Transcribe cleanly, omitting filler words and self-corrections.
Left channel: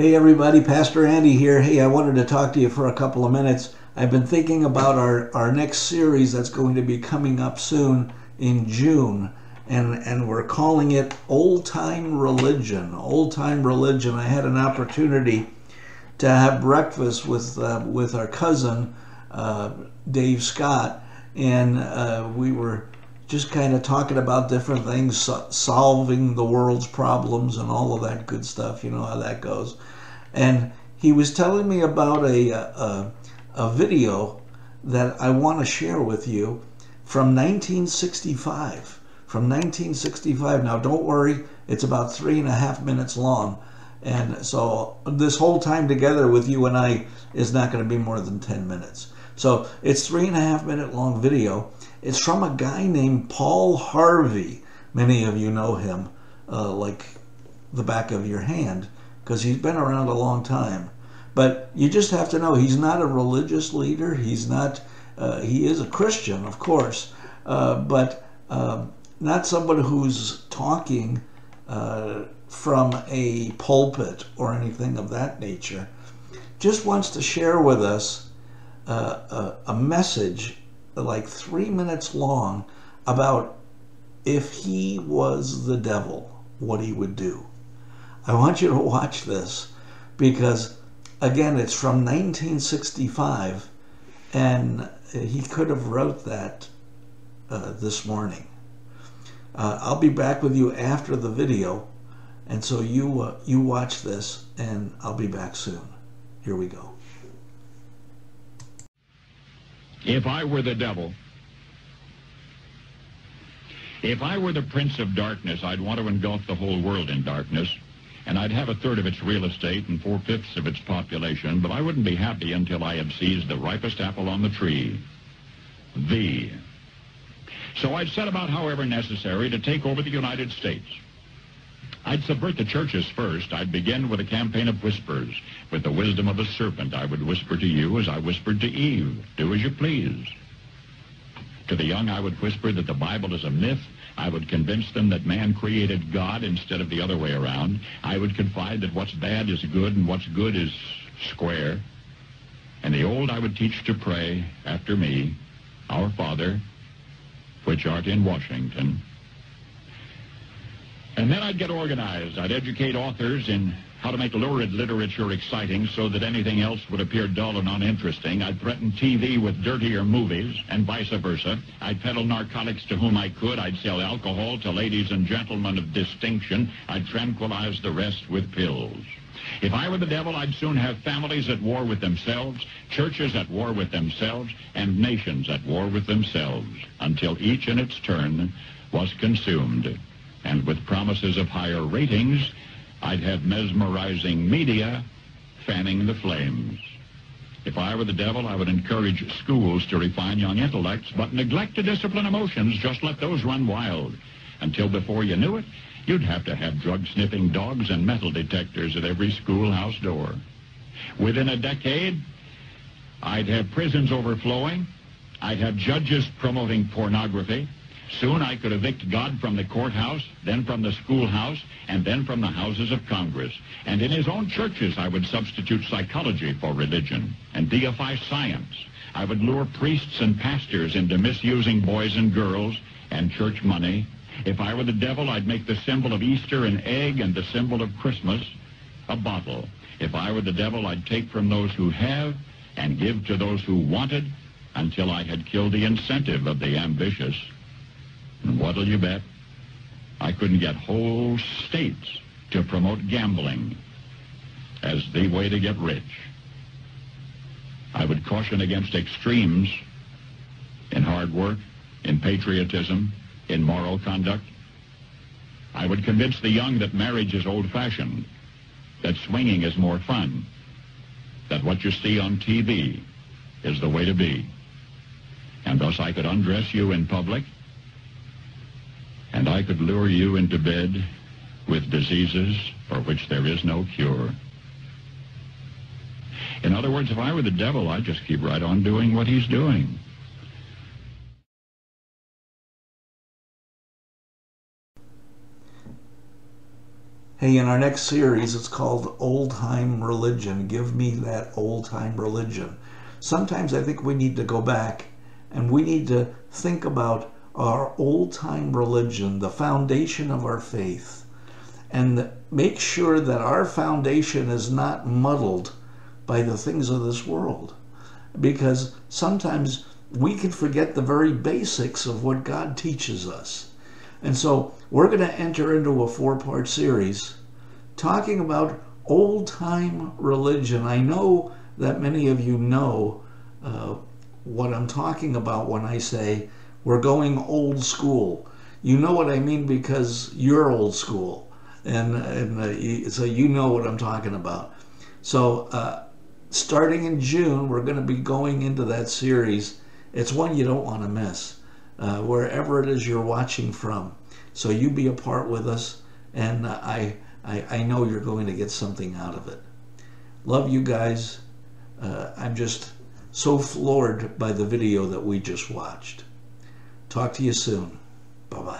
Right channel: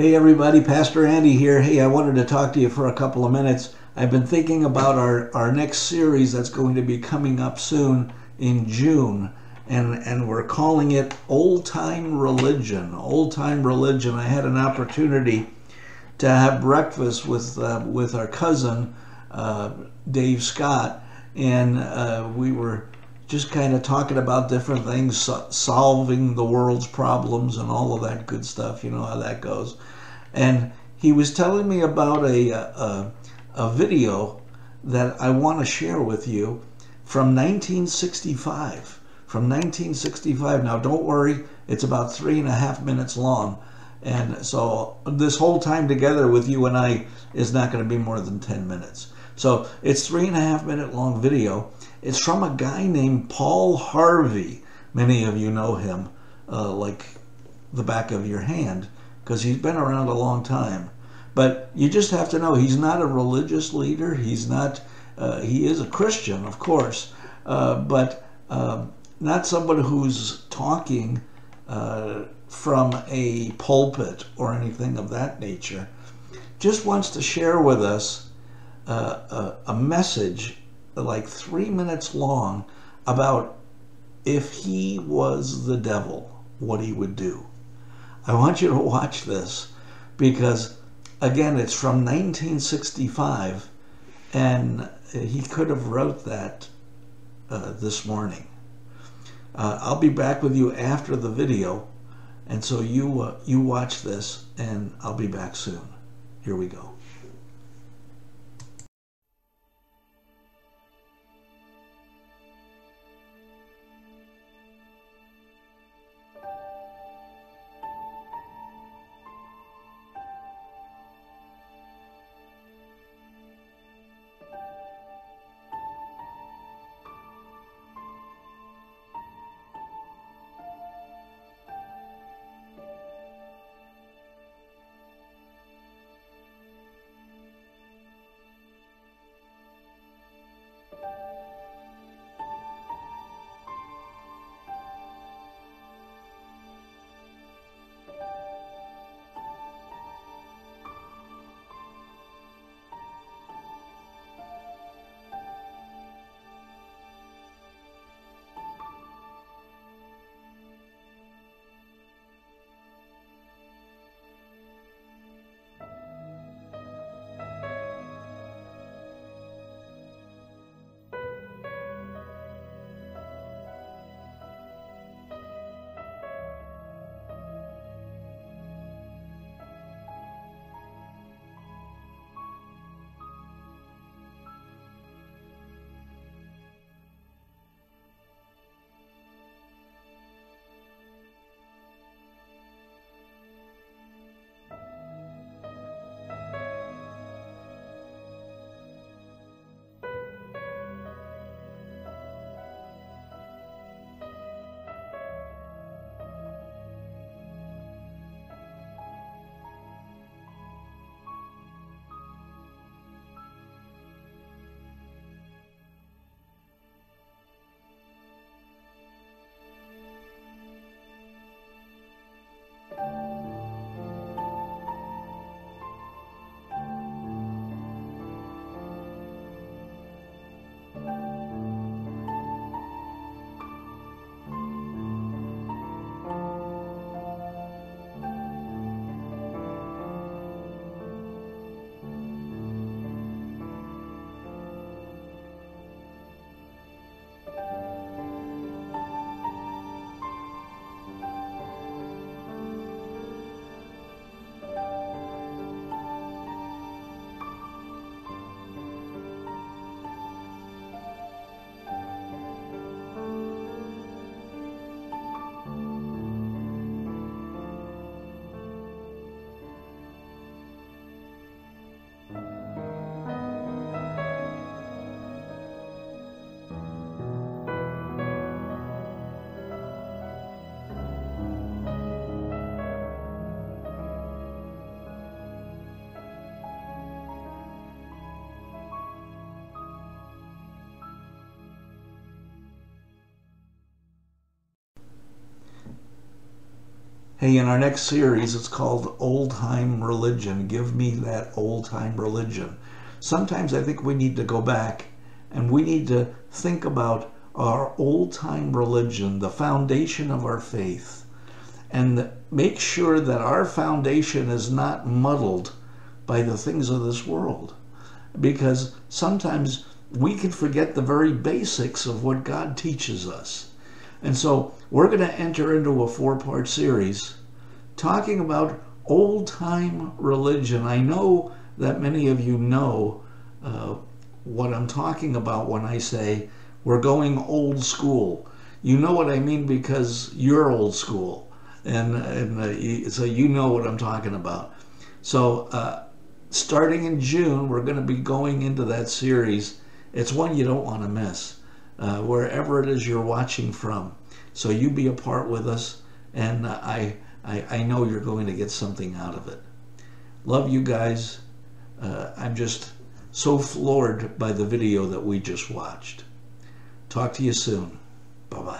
Hey everybody, Pastor Andy here. Hey, I wanted to talk to you for a couple of minutes. I've been thinking about our next series that's going to be coming up soon in June, and we're calling it Old Time Religion. Old Time Religion. I had an opportunity to have breakfast with our cousin Dave Scott, and we were just kind of talking about different things, solving the world's problems and all of that good stuff. You know how that goes. And he was telling me about a video that I want to share with you from 1965. From 1965. Now, don't worry, it's about 3.5 minutes long. And so this whole time together with you and I is not going to be more than 10 minutes. So it's 3.5 minute long video. It's from a guy named Paul Harvey. Many of you know him like the back of your hand because he's been around a long time. But you just have to know he's not a religious leader. He's not. He is a Christian, of course, but not someone who's talking from a pulpit or anything of that nature. Just wants to share with us a message like 3 minutes long about if he was the devil, what he would do. I want you to watch this because, again, it's from 1965, and he could have wrote that this morning. I'll be back with you after the video, and so you watch this, and I'll be back soon. Here we go. If I were the devil, if I were the prince of darkness, I'd want to engulf the whole world in darkness, and I'd have 1/3 of its real estate and 4/5 of its population, but I wouldn't be happy until I had seized the ripest apple on the tree, thee. So I'd set about, however necessary, to take over the United States. I'd subvert the churches first. I'd begin with a campaign of whispers. With the wisdom of a serpent, I would whisper to you as I whispered to Eve, do as you please. To the young, I would whisper that the Bible is a myth. I would convince them that man created God instead of the other way around. I would confide that what's bad is good and what's good is square. And the old I would teach to pray after me, Our Father, which art in Washington. And then I'd get organized. I'd educate authors in how to make lurid literature exciting so that anything else would appear dull and uninteresting. I'd threaten TV with dirtier movies and vice versa. I'd peddle narcotics to whom I could. I'd sell alcohol to ladies and gentlemen of distinction. I'd tranquilize the rest with pills. If I were the devil, I'd soon have families at war with themselves, churches at war with themselves, and nations at war with themselves, until each in its turn was consumed. And with promises of higher ratings, I'd have mesmerizing media fanning the flames. If I were the devil, I would encourage schools to refine young intellects, but neglect to discipline emotions. Just let those run wild. Until before you knew it, you'd have to have drug-sniffing dogs and metal detectors at every schoolhouse door. Within a decade, I'd have prisons overflowing. I'd have judges promoting pornography. Soon I could evict God from the courthouse, then from the schoolhouse, and then from the houses of Congress. And in his own churches, I would substitute psychology for religion and deify science. I would lure priests and pastors into misusing boys and girls and church money. If I were the devil, I'd make the symbol of Easter an egg and the symbol of Christmas a bottle. If I were the devil, I'd take from those who have and give to those who wanted until I had killed the incentive of the ambitious. And what'll you bet? I couldn't get whole states to promote gambling as the way to get rich. I would caution against extremes in hard work, in patriotism, in moral conduct. I would convince the young that marriage is old-fashioned, that swinging is more fun, that what you see on TV is the way to be. And thus I could undress you in public, and I could lure you into bed with diseases for which there is no cure. In other words, if I were the devil, I'd just keep right on doing what he's doing. Hey, in our next series, it's called Old Time Religion. Give me that old time religion. Sometimes I think we need to go back and we need to think about our old time religion, the foundation of our faith, and make sure that our foundation is not muddled by the things of this world. Because sometimes we can forget the very basics of what God teaches us. And so we're going to enter into a 4-part series talking about old-time religion. I know that many of you know what I'm talking about when I say we're going old school. You know what I mean because you're old school. And so you know what I'm talking about. So starting in June, we're going to be going into that series. It's one you don't want to miss, wherever it is you're watching from. So you be a part with us, and I know you're going to get something out of it. Love you guys. I'm just so floored by the video that we just watched. Talk to you soon. Bye-bye.